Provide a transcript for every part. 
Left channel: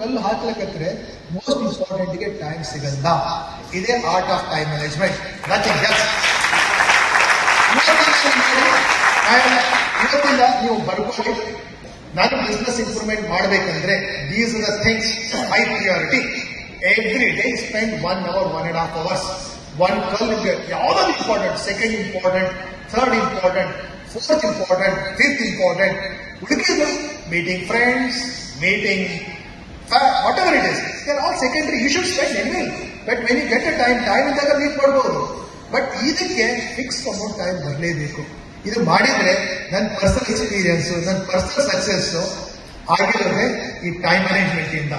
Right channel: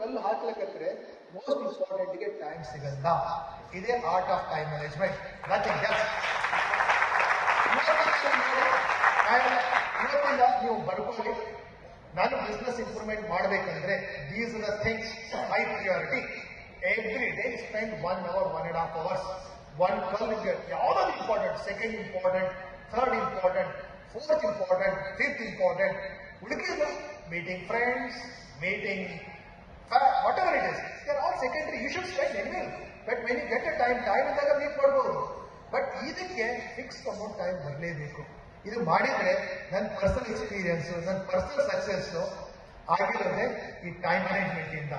ಕಲ್ಲು ಹಾಕ್ಲಕ್ಕಂದ್ರೆ most important ಗೆ ಟೈಮ್ ಸಿಗಲ್ಲ. ಇದೇ art of time management. Nothing else. ಇವತ್ತಿಂದ ನೀವು ಬರ್ಕೊಳ್ಳಿ, ನಾನು ಬಿಸ್ನೆಸ್ ಇಂಪ್ರೂವ್ಮೆಂಟ್ ಮಾಡಬೇಕಂದ್ರೆ these are the things high priority. Every day spend 1 hour 1.5 hours. One ಕಲ್ ಯಾವ್ದಾದ್ರು important, second important, third important, fourth important, fifth important. ಉಳಿದಿದ್ದು meeting friends, meeting whatever it is, they are all secondary. You should spend anyway, but when you get a time ಇದ್ದಾಗ meet ಮಾಡ್ಬೋದು. But ಇದಕ್ಕೆ fix amount time ಬರಲೇಬೇಕು. ಇದು ಮಾಡಿದ್ರೆ ನನ್ನ personal experience, ನನ್ನ personal success ಆಗಿರೋದೇ ಈ ಟೈಮ್ ಮ್ಯಾನೇಜ್ಮೆಂಟ್ ಇಂದ.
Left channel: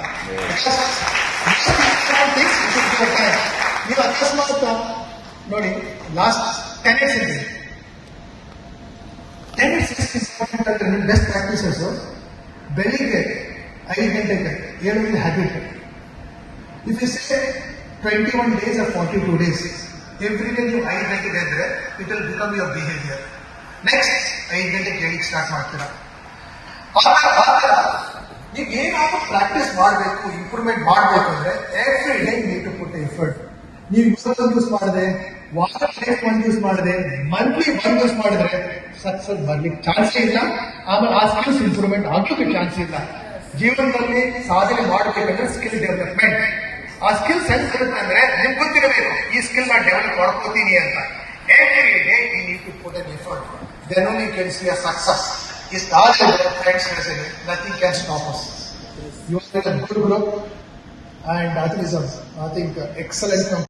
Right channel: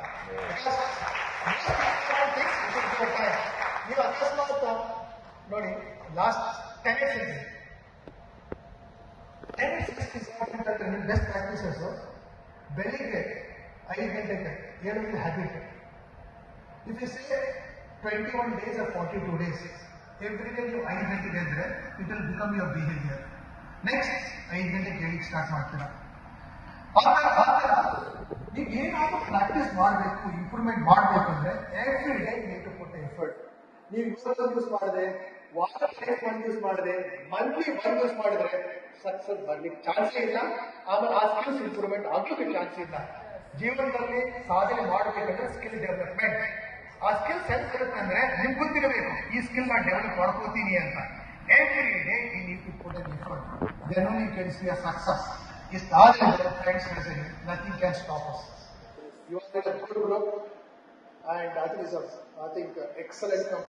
ನೀವು ಅಕಸ್ಮಾತ್ ನೋಡಿ, ಲಾಸ್ಟ್ 10 years ಇದೆ, 10 years ಇಂಪಾರ್ಟೆಂಟ್ ಅಂದ್ರೆ ನಿಮ್ಮ ಬೆಸ್ಟ್ ಪ್ರಾಕ್ಟೀಸಸ್ ಬೆಳಿಗ್ಗೆ 5 ಗಂಟೆಗೆ ಏಳುವಿನ habit. If you say 21 days or 42 days, every day ನೀವು 5 ಗಂಟೆಗೆ ಇದ್ರೆ it will become your behaviour. Next 5 ಗಂಟೆಗೆ ಕೇಳಿಕ್ ಸ್ಟಾರ್ಟ್ ಮಾಡ್ತೀರಾ. ನೀವು ಏನಾದ್ರೂ ಪ್ರಾಕ್ಟೀಸ್ ಮಾಡಬೇಕು, ಇಂಪ್ರೂವ್ಮೆಂಟ್ ಮಾಡಬೇಕು ಅಂದ್ರೆ every day need to put effort. ನೀವು ಇವತ್ತೊಂದು ಯೂಸ್ ಮಾಡಿದ್ರೆ, ವಾರಕ್ಕೆ ಒಂದು ಯೂಸ್ ಮಾಡಿದ್ರೆ, ಮಂತ್ಲಿ ಒಂದು ಯೂಸ್ ಮಾಡಿದ್ರೆ ಸಕ್ಸಸ್ ಬರ್ಲಿಕ್ಕೆ ಚಾನ್ಸ್ ಇಲ್ಲ. ಆಮೇಲೆ ಆ ಸ್ಕಿಲ್ಸ್ ಇಂಪ್ರೂವ್ಮೆಂಟ್ ಆಗ್ಲಿಕ್ಕೆ ಚಾನ್ಸ್ ಇಲ್ಲ. ಜೀವನದಲ್ಲಿ ಸಾಧನೆ ಮಾಡಬೇಕಂದ್ರೆ ಸ್ಕಿಲ್ ಡೆವಲಪ್ಮೆಂಟ್. ಆ ಸ್ಕಿಲ್ಸ್ ಹೆಂಗ್ ಬರುತ್ತೆ ಅಂದ್ರೆ ನಿಮ್ಗೆ ಗೊತ್ತಿರಬೇಕು, ಈ ಸ್ಕಿಲ್ ನಾನು ಡೆವಲಪ್ ಮಾಡ್ಕೋತೀನಿ ಅಂತ. Every day you need to put an effort, then only you can see a success. ಇಷ್ಟಾದ್ರೆ ಫ್ರೆಂಡ್ಸ್ ಹೇಳ್ತೀನಿ, nothing can stop us. You are in a good group and that is I think excellent.